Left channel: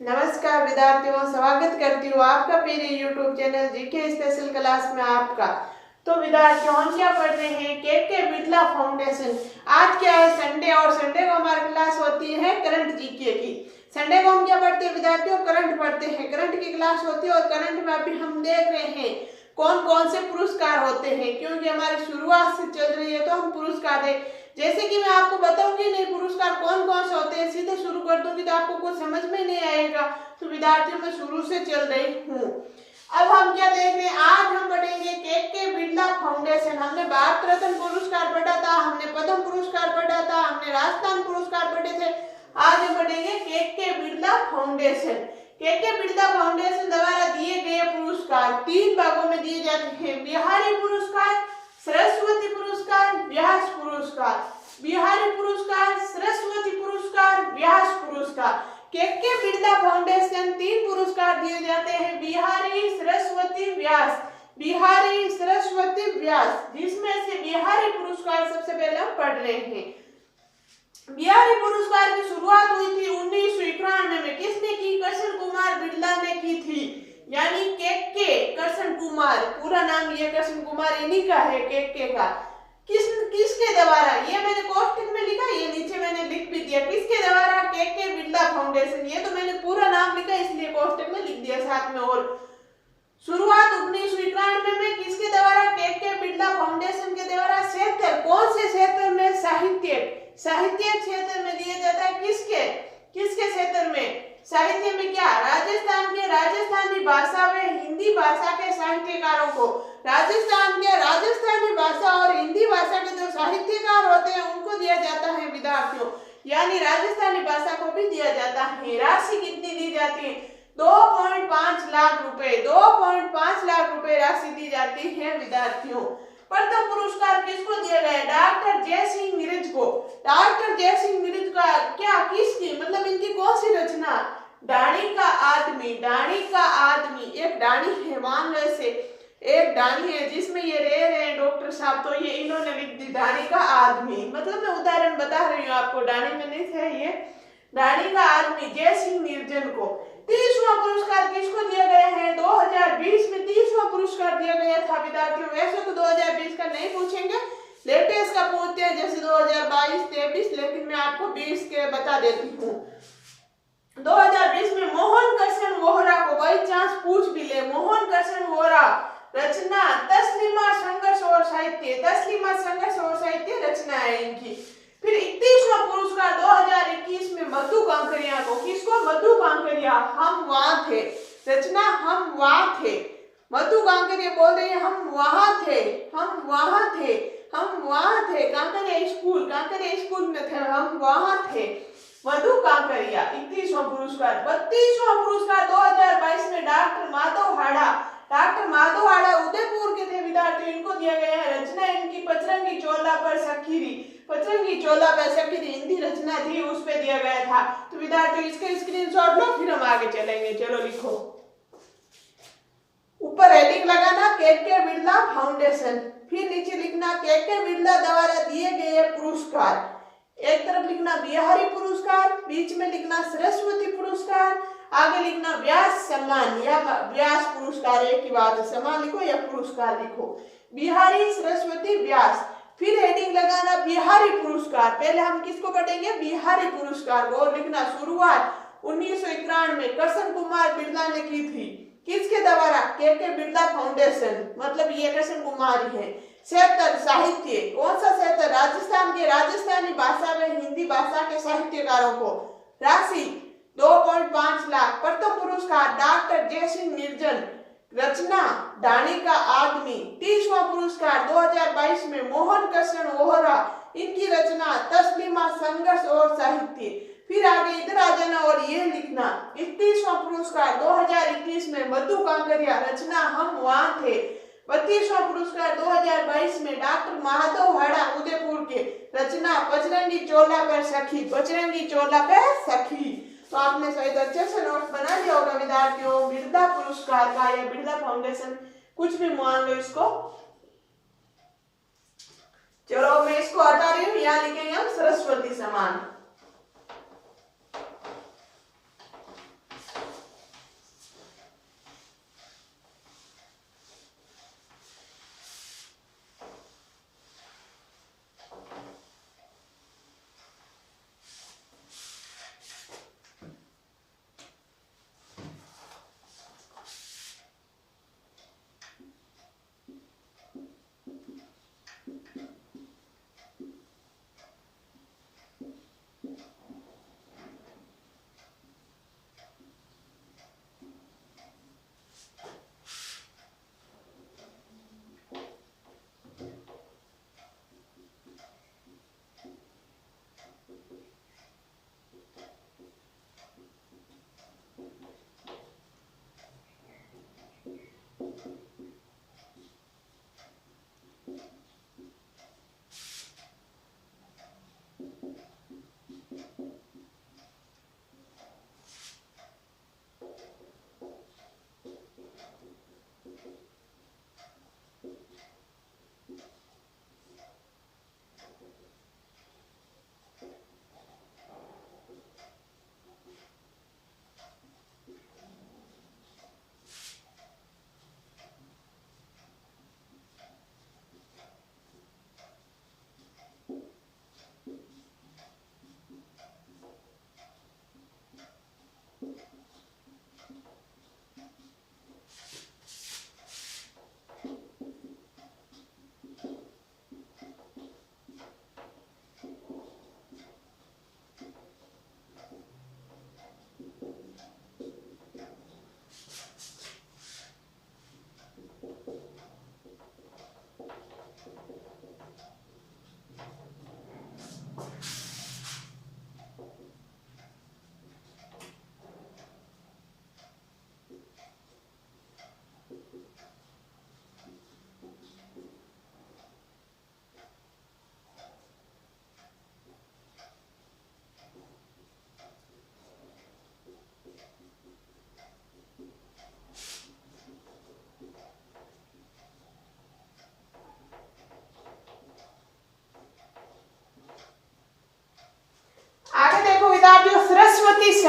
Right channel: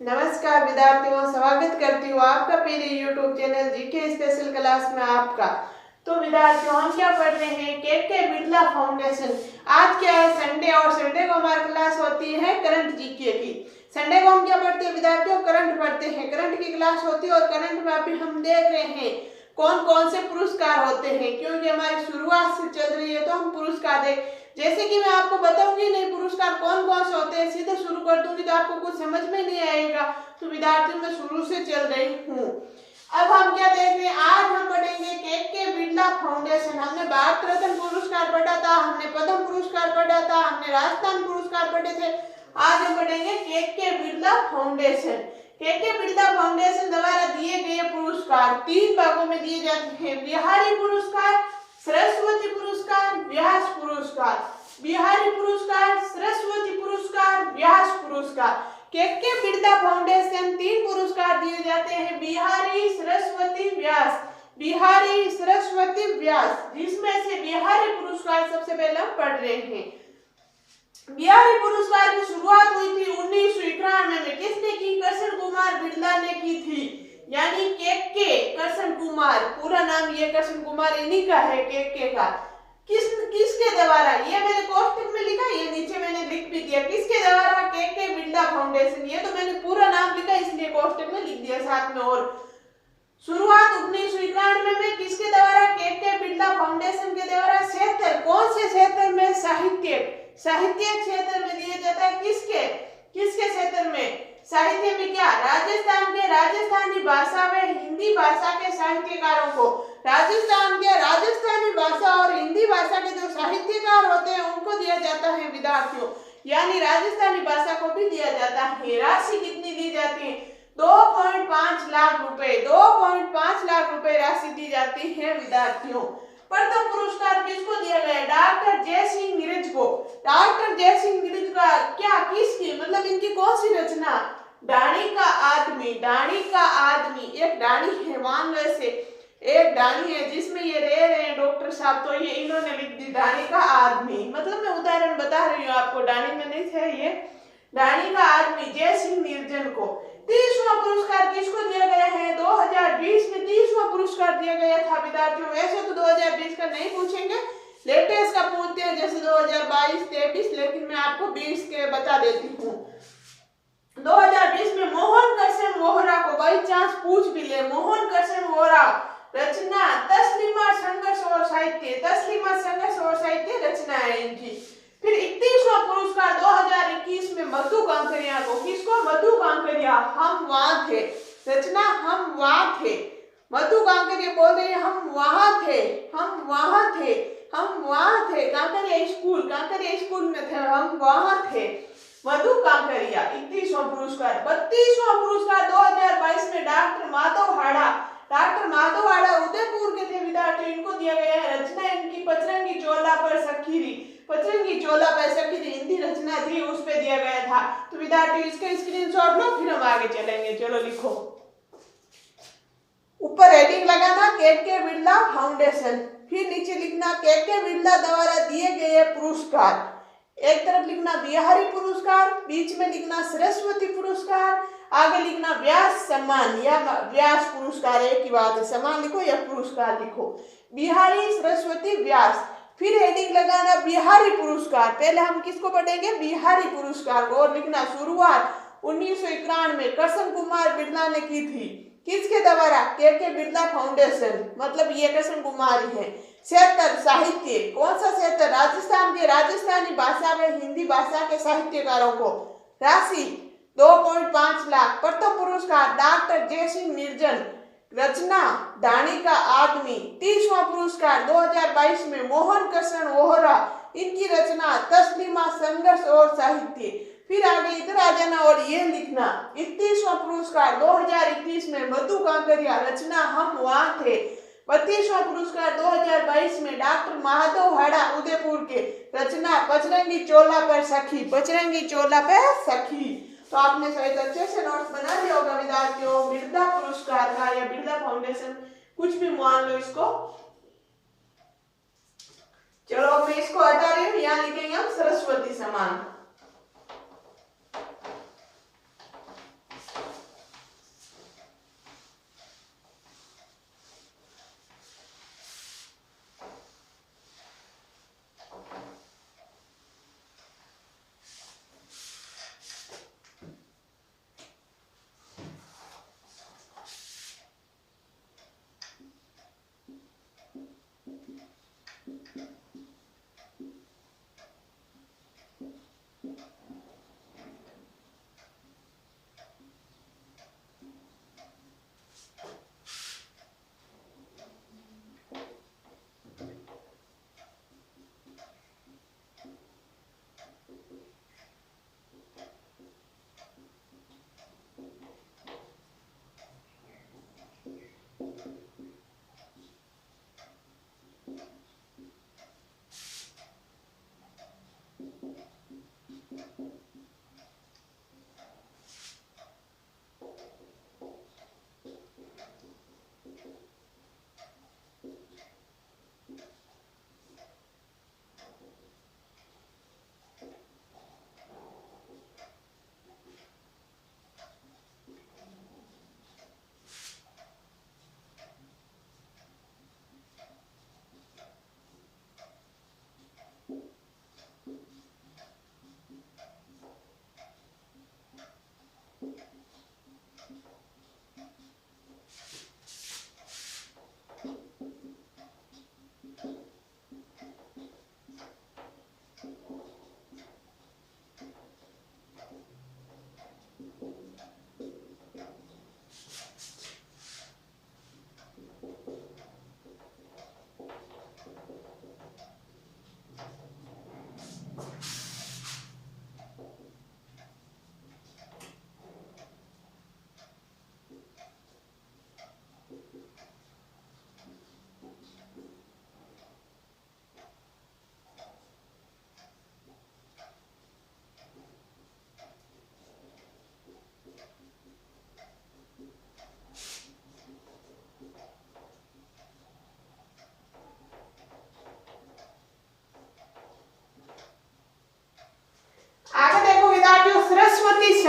नमस्कार विद्यार्थियों, स्वागत करती हूँ आपका मेरे YouTube channel GK special class में आपका। तो विद्यार्थियों, हम क्या पढ़ रहे हैं? के बिरला फाउंडेशन। आज क्या है? संडे, और संडे को हमारी क्लास होती है करंट जीके की। संडे को हम क्या पढ़ते हैं विद्यार्थियों? करंट पढ़ते हैं। करंट की क्लास होती है और करंट में अभी हम देख रहे हैं कौन कौन से पुरस्कार होते हैं, क्योंकि हमारी शुरुआत से चल रही है तो हम पुरस्कार देख। जैसे कि मैं आपको बताऊंगी नहीं पुरस्कार कौन कौन से होते हैं, सीधे शुरू कर दूंगी तो आपको कुछ समझ में नहीं आएगा। तो विद्यार्थियों मैं शुरू से चल रही हूँ। अब हम क्या देख रहे हैं? आज हम पढ़ेंगे के बिरला फाउंडेशन। हमने भारत रत्न पुरस्कार पढ़ा था, हमने पद्म पुरस्कार पढ़ा था, हमने राजस्थान पुरस्कार पढ़े थे। आज हम पढ़ेंगे के बिरला फाउंडेशन। के बिरला फाउंडेशन द्वारा दिए गए पुरस्कार 3 भागों में दिए जाते हैं: बिहारी पुरस्कार, सरस्वती पुरस्कार, व्यास पुरस्कार। बिहारी पुरस्कार, सरस्वती पुरस्कार, व्यास पुरस्कार। के बिरला फाउंडेशन 3 पुरस्कार दिए जाते हैं: बिहारी, सरस्वती, व्यास। बिहारी, सरस्वती, व्यास, जिसमें से बिहारी पुरस्कार सबसे पहले हम पढ़ रहे हैं। बिहारी पुरस्कार की शुरुआत हुई थी 1991 में। किसने की? कृष्ण कुमार बिरला ने की थी, यानी के कृष्ण कुमार। पूरा नाम ये कृष्ण कुमार इन्हीं का है, के का। किसके द्वारा? ये मैंने कोष्टक में लिखा, ये नीचे मैंने लिख भी दिया। किसके द्वारा? के बिरला फाउंडेशन। ये तो मैंने पूरा नाम लिखा इसलिए कोष्टक में लिख दिया साथ में। और शुरुआत 1991 में किसके द्वारा? के बिरला फाउंडेशन के द्वारा। क्षेत्र कौन से क्षेत्र में? साहित्य क्षेत्र में दिया जाता है। किसके क्षेत्र में? साहित्य में क्या? राजस्थान के राजस्थानी भाषा व हिंदी भाषा के साहित्यकारों को। राजस्थान के राजस्थानी भाषा और हिंदी भाषा के जो साहित्यकार होते हैं उनको दिया जाता है विद्यार्थियों, यानी राजस्थानी भाषा को भी दिया जाता है। राशि कितनी दी जाती है? 2.5 लाख रुपए। 2.5 लाख रुपए राशि दी जाती है विद्यार्थियों। प्रथम पुरस्कार किसको दिया गया? डॉक्टर जयसिंह नीरज को। डॉक्टर जयसिंह नीरज का क्या, किसकी, मतलब इनकी कौन सी रचना? डाणी का आदमी। डाणी का आदमी, एक डाणी है, मान लो ऐसे एक डाणी है जिसमें ये रह रहे हैं डॉक्टर साहब, तो ये इन्होंने लिख दी डाणी का आदमी। मतलब मैं उदाहरण बता रही हूँ आपको, डाणी में नहीं है ये। डाणी का आदमी जयसिंह नीरजन को। 30वां पुरस्कार किसको दिया गया है? 2020 में 30वां पुरस्कार दिया गया था विद्यार्थियों। वैसे तो 2020 का नहीं पूछेंगे, लेटेस्ट का पूछते हैं, जैसे 2022, 23, लेकिन मैं आपको 20 के बता देती हूँ। 2020 में मोहन कृष्ण वोहरा को, बाई चांस पूछ भी ले, मोहन कृष्ण वोहरा। रचना तस्लीमा संघर्ष और साहित्य। तस्लीमा संघर्ष और साहित्य रचना है इनकी। फिर 31वां पुरस्कार 2021 में मधु कांकरिया को। किसको? मधु कांकरिया। हम वहां थे, रचना हम वहां थे। मधु कांकरिया बोल रही है हम वहां थे, हम वहां थे, हम वहां थे। कांकरिया स्कूल में थे, हम वहां थे। मधु कांकरिया। 31वां पुरस्कार। 32वां पुरस्कार 2022 में डॉक्टर माधव हाड़ा। डॉक्टर माधव हाड़ा उदयपुर के थे विद्यार्थी, इनको दिया गया है। रचना इनकी पचरंगी चोला पर सखीरी। पचरंगी चोला पर सखीरी हिंदी रचना थी, उस पे दिया गया था। तो विद्यार्थी इसका स्क्रीनशॉट लो, फिर हम आगे चलेंगे। चलो लिखो, ऊपर हेडिंग लगा था के बिरला फाउंडेशन, फिर नीचे लिखना के बिरला द्वारा दिए गए पुरस्कार। एक तरफ लिखना बिहारी पुरस्कार, बीच में लिखना सरस्वती पुरस्कार, आगे लिखना व्यास सम्मान या व्यास पुरस्कार। एक ही बात है, सम्मान लिखो या पुरस्कार लिखो। बिहारी, सरस्वती, व्यास। फिर हेडिंग लगाना बिहारी पुरस्कार। पहले हम किसको पढ़ेंगे? बिहारी पुरस्कार को। और लिखना शुरुआत 1991 में कृष्ण कुमार बिरला ने की थी। किसके द्वारा? के बिरला फाउंडेशन, मतलब ये कृष्ण कुमार ही है। क्षेत्र साहित्य, कौन सा क्षेत्र? राजस्थान के राजस्थानी भाषा में हिंदी भाषा के साहित्यकारों को। राशि 2.5 लाख। प्रथम पुरस्कार डॉक्टर जयसिंह नीरजन। रचना डाणी का आदमी। 30वां पुरस्कार 2022 में मोहन कृष्ण वोहरा, इनकी रचना तस्लीमा संघर्ष और साहित्य। फिर आगे इधर आ जाना और ये लिखना 31वां पुरस्कार 2021 में मधु कांकरिया। रचना हम वहां थे। 32वां पुरस्कार 2022 में डॉक्टर माधव हाड़ा उदयपुर के। रचना पचरंगी चोला पर सखी। पचरंगी चोला पर सखी। तो आपने शायद अच्छे से नोट्स बना लिया होगा विद्यार्थियों बिरला पुरस्कार का या बिरला फाउंडेशन, कुछ भी मान लो इसको। चलो मैं इसको हटा रही हूँ, यहाँ लिखेंगे हम सरस्वती सम्मान।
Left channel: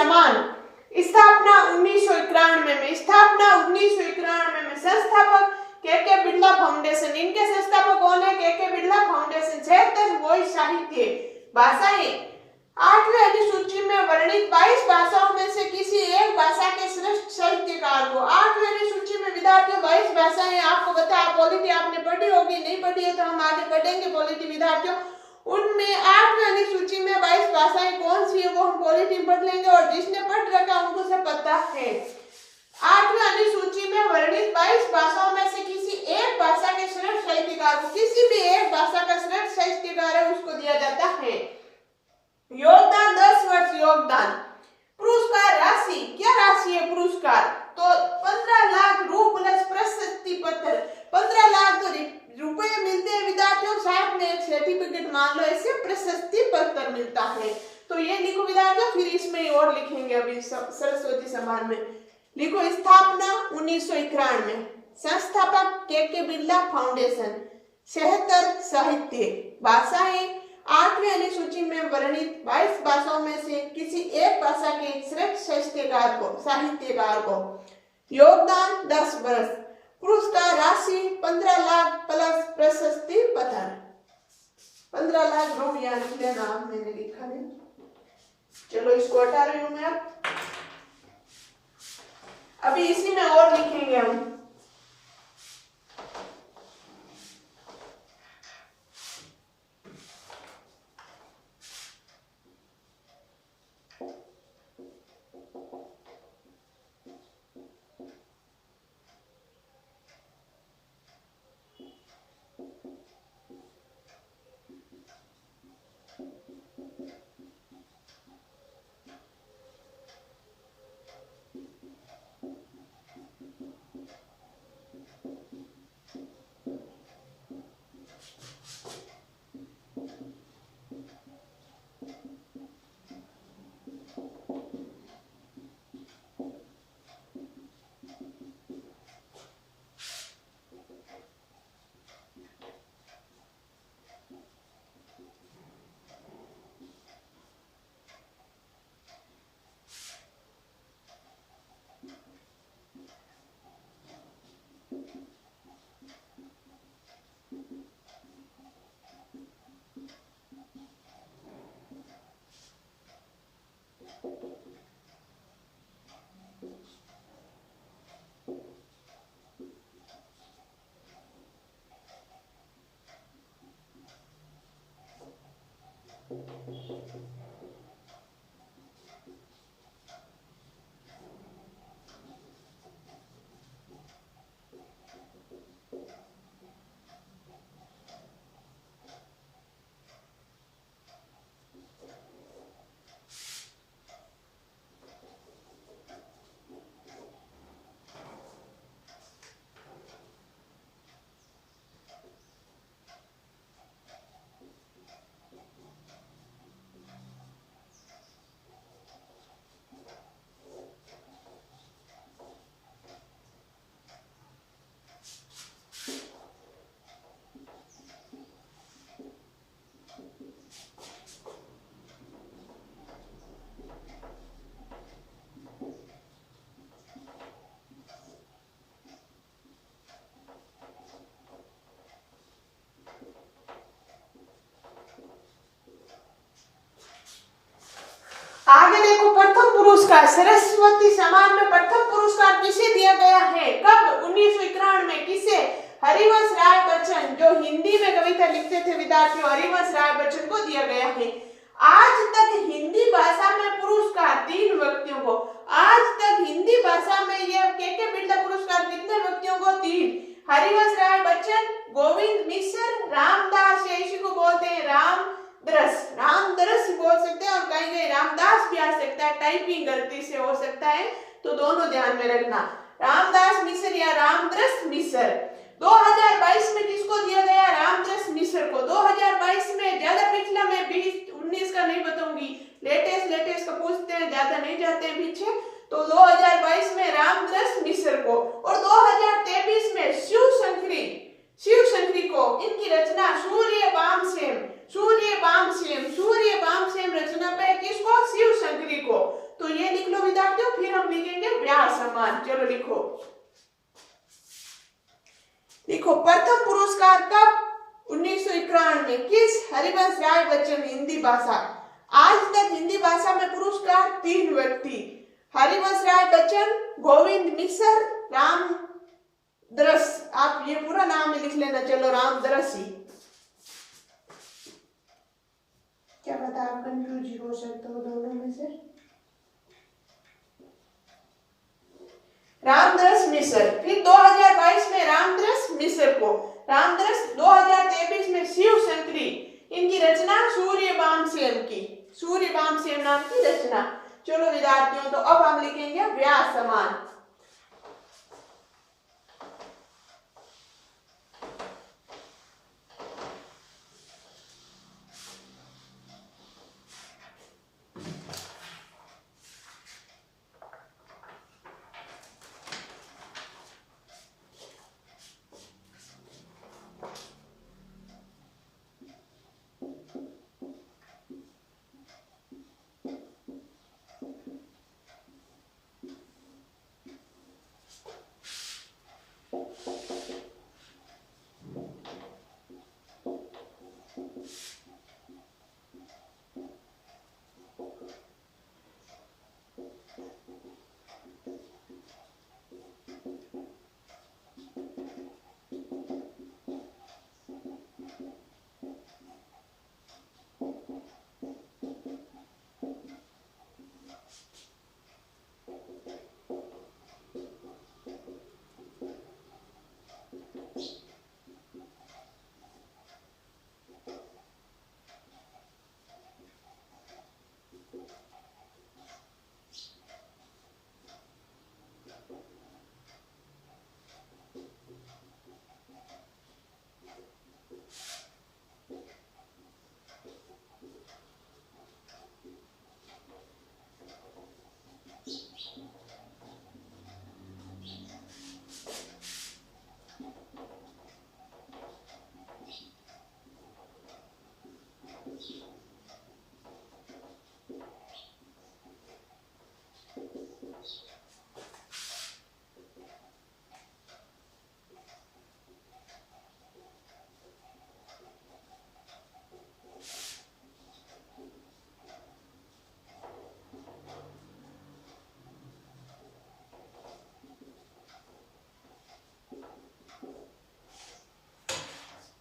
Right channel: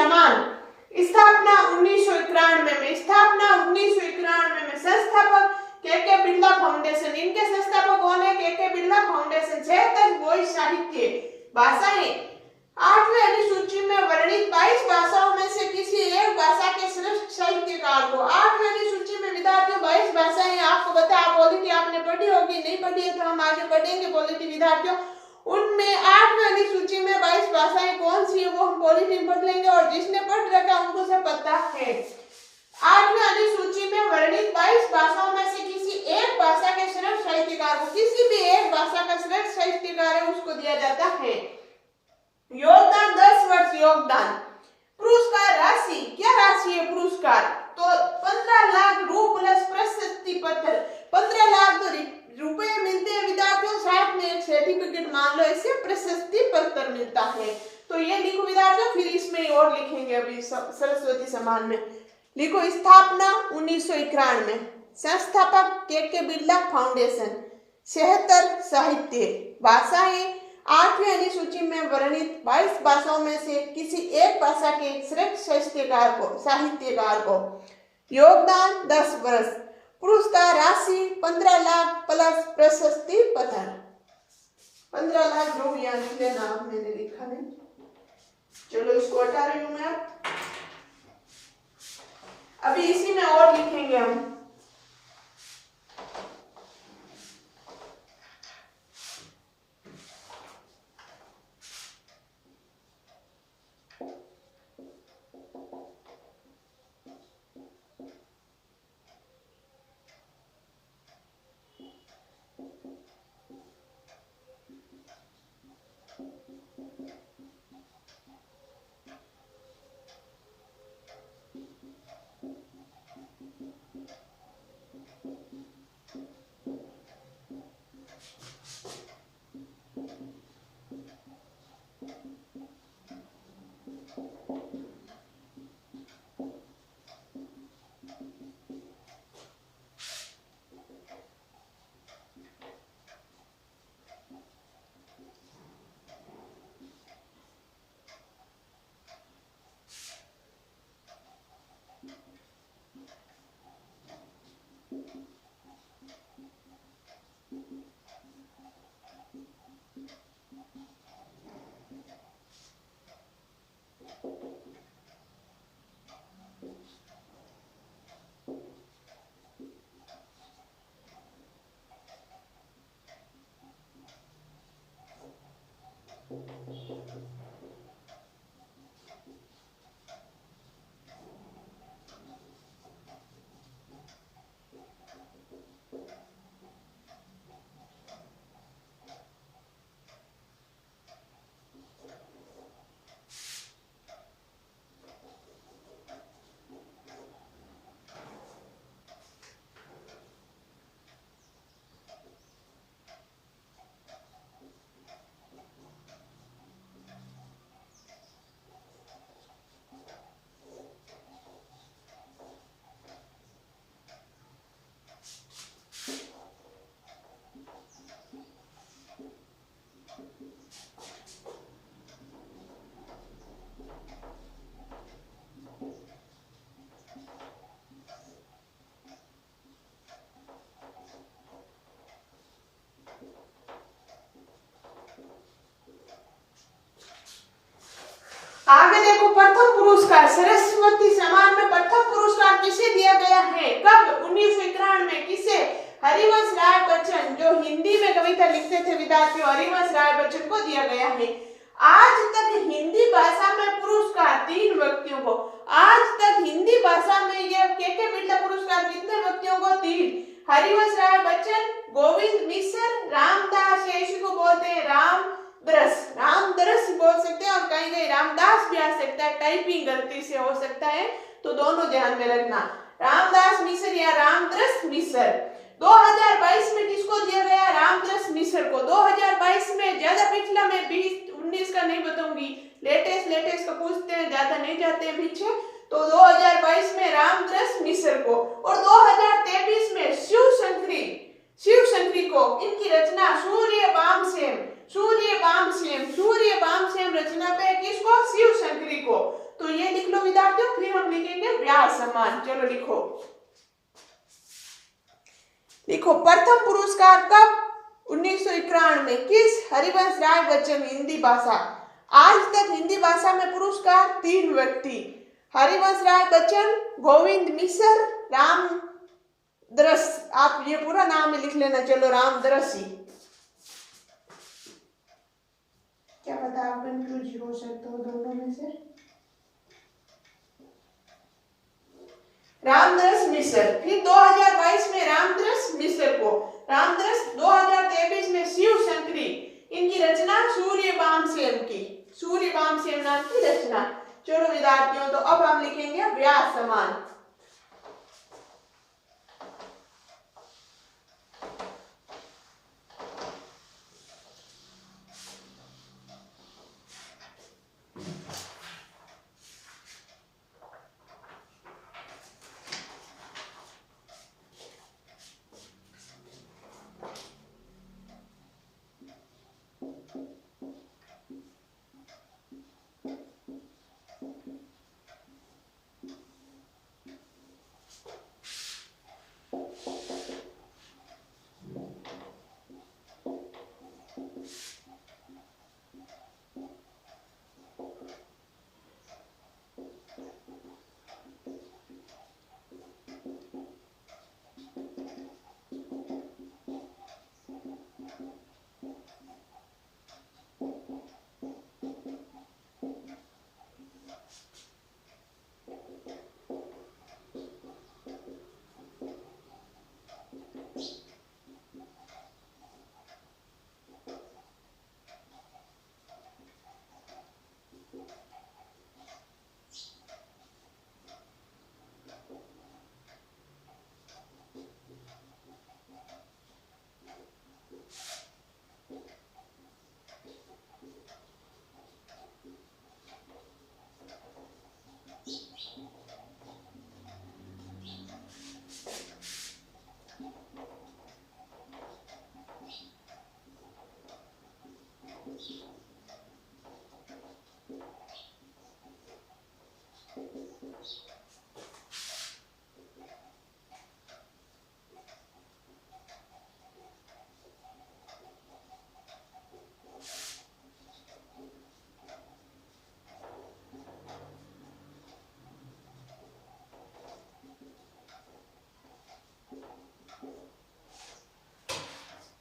समान। स्थापना 1991 में, स्थापना 1991 में। संस्थापक के बिरला फाउंडेशन। इनके संस्थापक कौन है? के बिरला फाउंडेशन। 76 वॉइस साहित्य भाषाएं। 8वीं अनुसूची में वर्णित 22 भाषाओं में से किसी एक भाषा के श्रेष्ठ साहित्यकार को। 8वीं अनुसूची में विद्यार्थियों 22 भाषाएं आपको पता है। पॉलिटी आपने पढ़ी होगी, नहीं पढ़ी है तो हम आगे पढ़ेंगे पॉलिटी विद्यार्थियों। उनमें 8वीं अनुसूची में 22 भाषाएं कौन सी है वो हम पॉलिटी में पढ़ लेंगे, और जिसने पढ़ रखा उनको सब पता है। 8वीं अनुसूची में वर्णित 22 भाषाओं में से किसी एक भाषा के श्रेष्ठ साहित्यकार को, किसी भी एक भाषा का श्रेष्ठ साहित्यकार है उसको दिया जाता है। योगदान 10 वर्ष योगदान। पुरस्कार राशि, क्या राशि है पुरस्कार? तो 15 लाख रु प्लस प्रशस्ति पत्र। 15 लाख तो रुपए मिलते हैं विद्यार्थियों, साथ में एक सर्टिफिकेट मान लो, इससे प्रशस्ति पत्र मिलता है। तो ये लिखो विद्यार्थियों, फिर इसमें और लिखेंगे अभी सरस्वती सम्मान में। लिखो स्थापना 1991 में। संस्थापक के बिरला फाउंडेशन। 76 साहित्य भाषाएं। 8वीं अनुसूची में वर्णित 22 भाषाओं में से किसी एक भाषा के श्रेष्ठ साहित्यकार को। योगदान 10 वर्ष। पुरस्कार राशि 15 लाख प्लस प्रशस्ति पत्र। 15 लाख रु यहाँ लिख लेना, मैंने लिखा नहीं। चलो इसको हटा रही हूं मैं। अभी इसी में और लिखेंगे हम। आगे देखो, प्रथम पुरस्कार सरस्वती सम्मान में प्रथम पुरस्कार किसे दिया गया है? कब? 1991 में। किसे? हरिवंश राय बच्चन, जो हिंदी में कविता लिखते थे विद्यार्थियों, हरिवंश राय बच्चन को दिया गया है। आज तक हिंदी भाषा में पुरस्कार 3 व्यक्तियों को। आज तक हिंदी भाषा में यह के बिरला पुरस्कार कितने व्यक्तियों को? 3। हरिवंश राय बच्चन, गोविंद मिश्र, रामदास, इसी को बोलते हैं रामदरस बोल सकते हैं, और कहीं कहीं रामदास भी आ सकता है, टाइपिंग गलती से हो सकता है, तो दोनों ध्यान में रखना। रामदास मिश्र या रामदरस मिश्र। 2022 में किसको दिया गया? रामदरस मिश्र को। 2022 में, ज्यादा पिछला मैं 2019 का नहीं बताऊंगी, लेटेस्ट का पूछते हैं, ज्यादा नहीं जाते हैं पीछे। तो 2022 में रामदरस मिश्र को, और 2023 में शिव शंकरी को। इनकी रचना सूर्य बामसेन रचना पे किसको? शिव शंकरी को। तो ये सम्मान। चलो लिखो। लिखो प्रथम पुरस्कार कब? 1991 किस? हरिवंश राय बच्चन, हिंदी भाषा। आज तक हिंदी भाषा में पुरस्कार 3 व्यक्ति, हरिवंश राय बच्चन, गोविंद मिश्र, रामदरस। आप ये पूरा नाम लिख लेना। चलो रामदरसी। क्या पता आप कंफ्यूज हो सकते हो दोनों में से। रामदरस मिश्र। फिर 2022 में रामदरस मिश्र को, रामदरस 2023 में शिव शंकरी। इनकी रचना सूर्यवंशम की, सूर्यवंशम नाम की रचना। चलो विद्यार्थियों, तो अब हम लिखेंगे व्यास समान।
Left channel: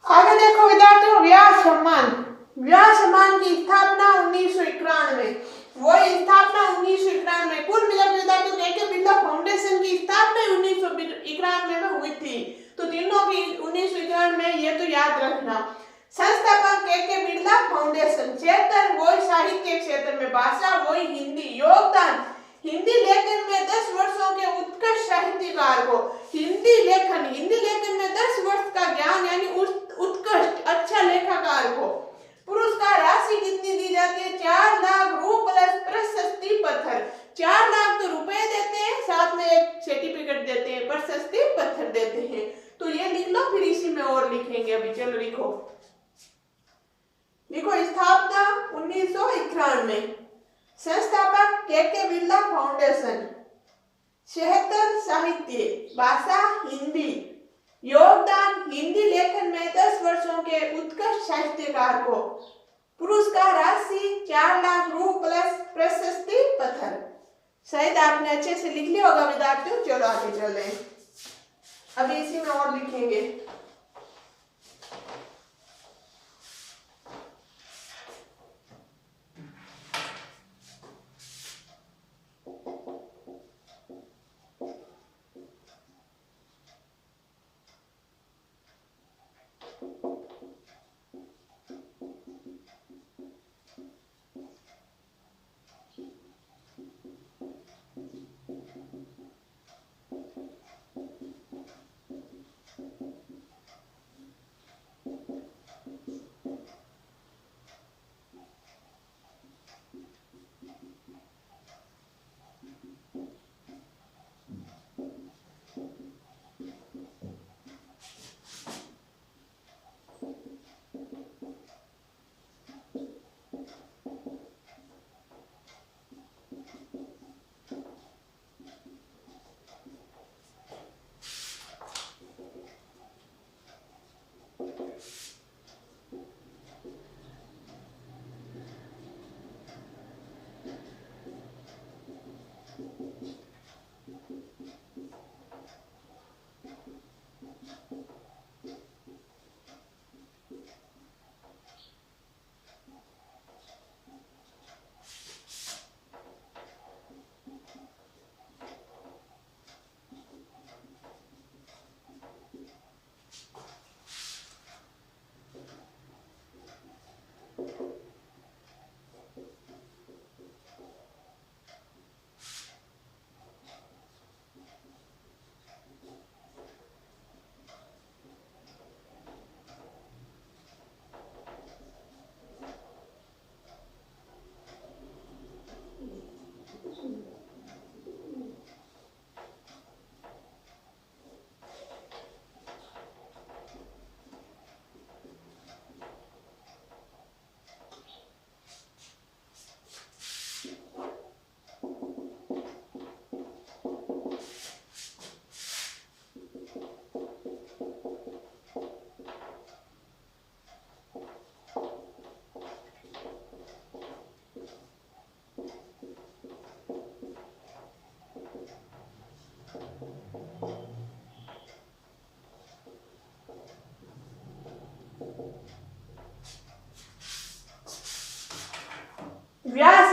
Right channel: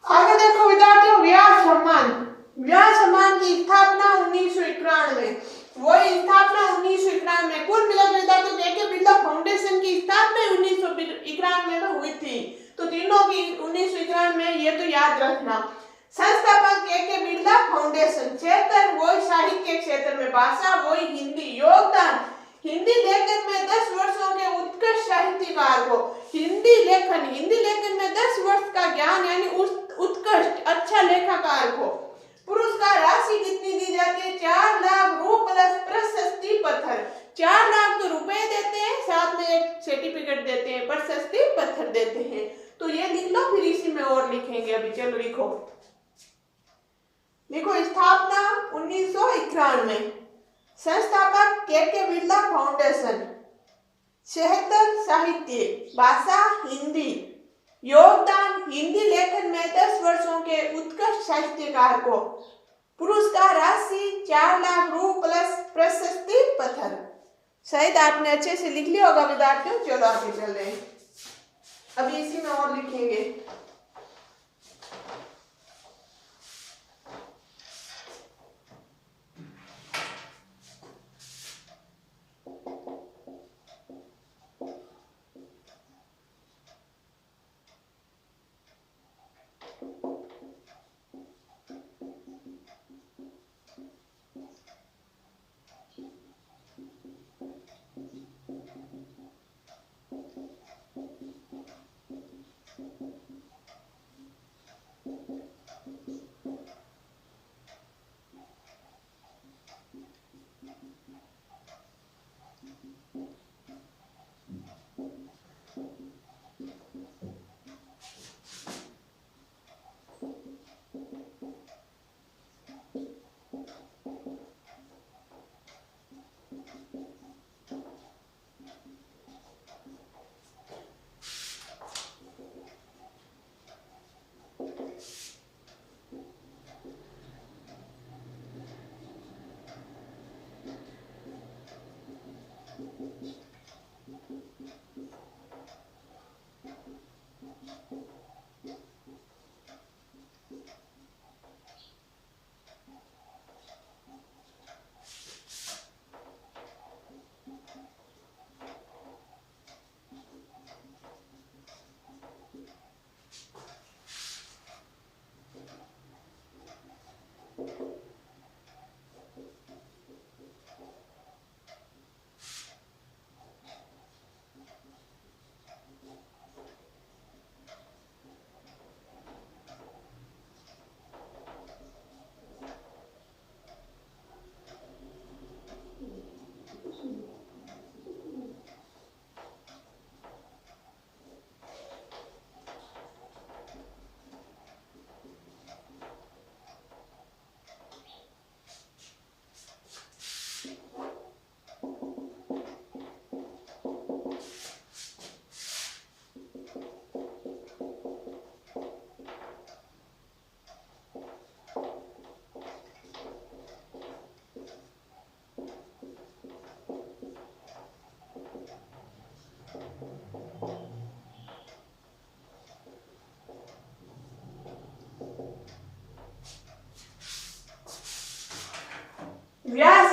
आगे देखो विद्यार्थियों, व्यास सम्मान। व्यास सम्मान की स्थापना 1991। वही स्थापना 1991। कुल मिलाकर विद्यार्थियों के बिरला फाउंडेशन की स्थापना 1991 में हुई थी। तो तीनों की 1991 में, ये तो याद रखना। संस्थापक के बिरला फाउंडेशन। क्षेत्र वही साहित्य के क्षेत्र में, भाषा वही हिंदी। योगदान हिंदी लेखन में 10 वर्षों के उत्कृष्ट साहित्यकार को, हिंदी लेखन में 10 वर्ष का ज्ञान यानी उत्कृष्ट अच्छा लेखाकार को। पुरस्कार राशि कितनी दी जाती है? 4 लाख रुपए प्लस प्रशस्ति पत्र। 4 लाख तो रुपए देते हैं, साथ में एक सर्टिफिकेट देते हैं, प्रशस्ति पत्र देते हैं। तो ये लिख लो, फिर इसी में और लिखेंगे अभी। चलो लिखो। लिखो स्थापना 1991 में। संस्थापक के बिरला फाउंडेशन। क्षेत्र साहित्य, भाषा हिंदी। योगदान हिंदी लेखन में 10 वर्षों के उत्कृष्ट साहित्यकार को। पुरस्कार राशि 4 लाख रुपए प्लस प्रशस्ति पत्र। शायद आपने अच्छे से लिख लिया होगा विद्यार्थियों। चलो आगे चले, अभी इसी में और लिखेंगे।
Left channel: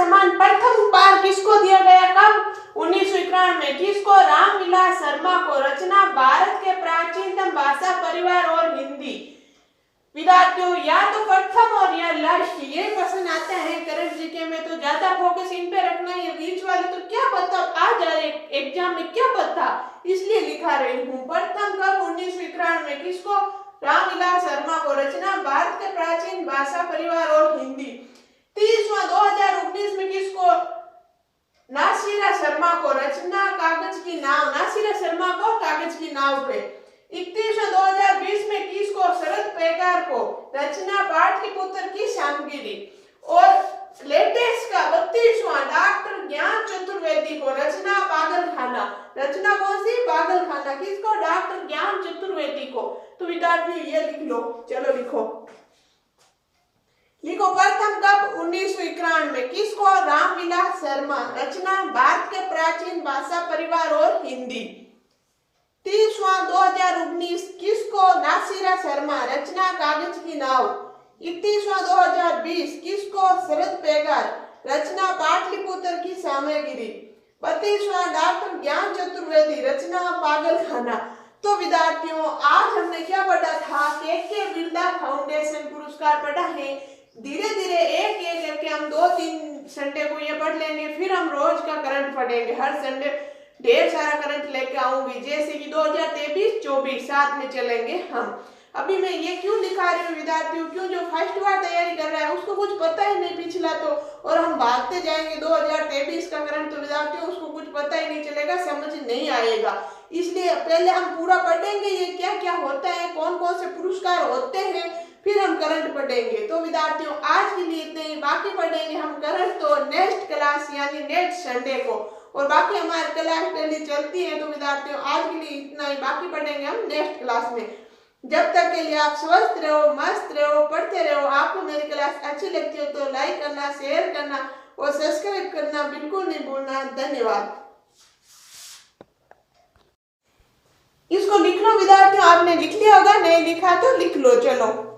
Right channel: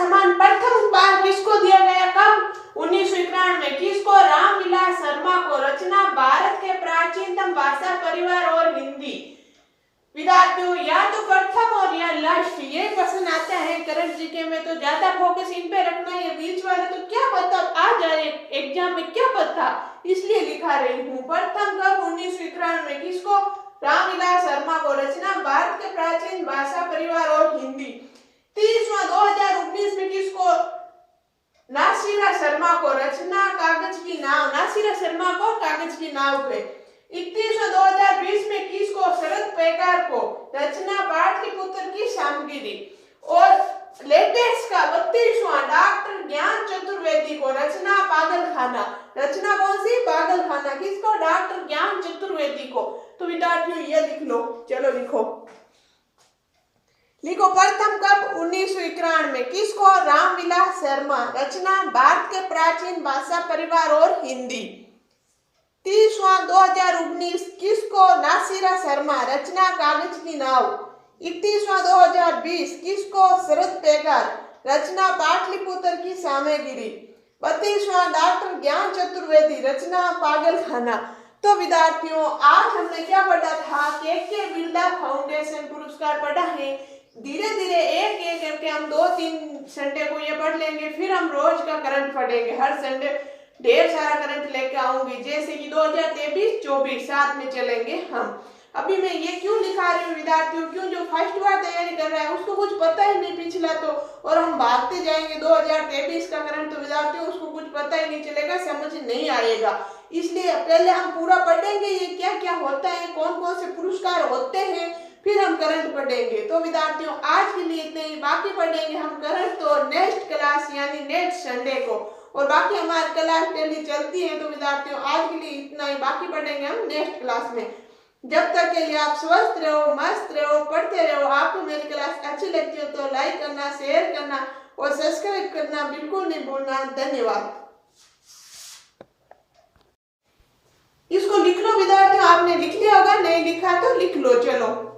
सम्मान प्रथम बार किसको दिया गया, कब, 1991 में। किसको, रामविलास शर्मा को। रचना, भारत के प्राचीनतम भाषा परिवार और हिंदी। विद्यार्थियों या तो प्रथम और या लास्ट, ये क्वेश्चन आते हैं करंट जीके में, तो ज्यादा फोकस इन पे रखना है। बीच वाले तो क्या पता आ जाए एग्जाम में, क्या पता, इसलिए लिखा रही हूँ। प्रथम कब, 1991 में। किसको, रामविलास शर्मा को। रचना, भारत के प्राचीन भाषा परिवार और हिंदी। 30वां 2019 में। किसको, नासिरा शर्मा को। रचना, कागज की नाव। नासिरा शर्मा को कागज की नाव पे। 31वां 2020 में। किसको, शरद पेगार को। रचना, पाटलिपुत्र की श्यामगिरी। और लेटेस्ट का 32वां डॉक्टर ज्ञान चतुर्वेदी को। रचना, पागलखाना। रचना कौन सी, पागलखाना। किसको, डॉक्टर ज्ञान चतुर्वेदी को। तो विद्यार्थियों ये लिख लो, चलो लिखो लिखो। प्रथम कब, 1991 में। किसको, रामविलास शर्मा। रचना, भारत के प्राचीन भाषा परिवार और हिंदी। 30वां 2019 किसको, नासिरा शर्मा। रचना, कागज की नाव। 31वां 2020 किसको, शरद पेगार। रचना, पाटलिपुत्र की श्यामगिरी। 32वां डॉक्टर ज्ञान चतुर्वेदी। रचना, पागलखाना। तो विद्यार्थियों आज हमने क्या पढ़ा था, के बिरला फाउंडेशन पुरस्कार पढ़ा है। धीरे धीरे एक एक करके हम 2-3 संडे को ये पढ़ लेंगे, फिर हम रोज का करंट पढ़ेंगे। हर संडे ढेर सारा करंट लेके आऊंगी, जैसे कि 2023-24 साथ में चलेंगे हम। अभी मैं ये क्यों लिखा रही हूँ विद्यार्थियों, क्यों जो फर्स्ट बार तैयारी कर रहा है उसको कुछ पता ही नहीं पिछला तो, और हम भागते जाएंगे 2023 का करंट, तो विद्यार्थियों उसको कुछ पता ही नहीं चलेगा, समझ नहीं आएगा। इसलिए पहले हम पूरा पढ़ेंगे ये क्या क्या होता है, कौन कौन से पुरस्कार होते हैं, फिर हम करंट पढ़ेंगे। तो विद्यार्थियों आज के लिए इतने ही, बाकी पढ़ेंगे हम करंट तो नेक्स्ट क्लास यानी नेक्स्ट संडे को, और बाकी हमारी क्लास डेली चलती है। तो विद्यार्थियों आज के लिए इतना ही, बाकी पढ़ेंगे हम नेक्स्ट क्लास में। जब तक के लिए आप स्वस्थ रहो, मस्त रहो, पढ़ते रहो। आपको मेरी क्लास अच्छी लगती हो तो लाइक करना, शेयर करना और सब्सक्राइब करना बिल्कुल नहीं भूलना। धन्यवाद। इसको लिख लो विद्यार्थियों, आपने लिख लिया होगा, नहीं लिखा तो लिख लो, चलो।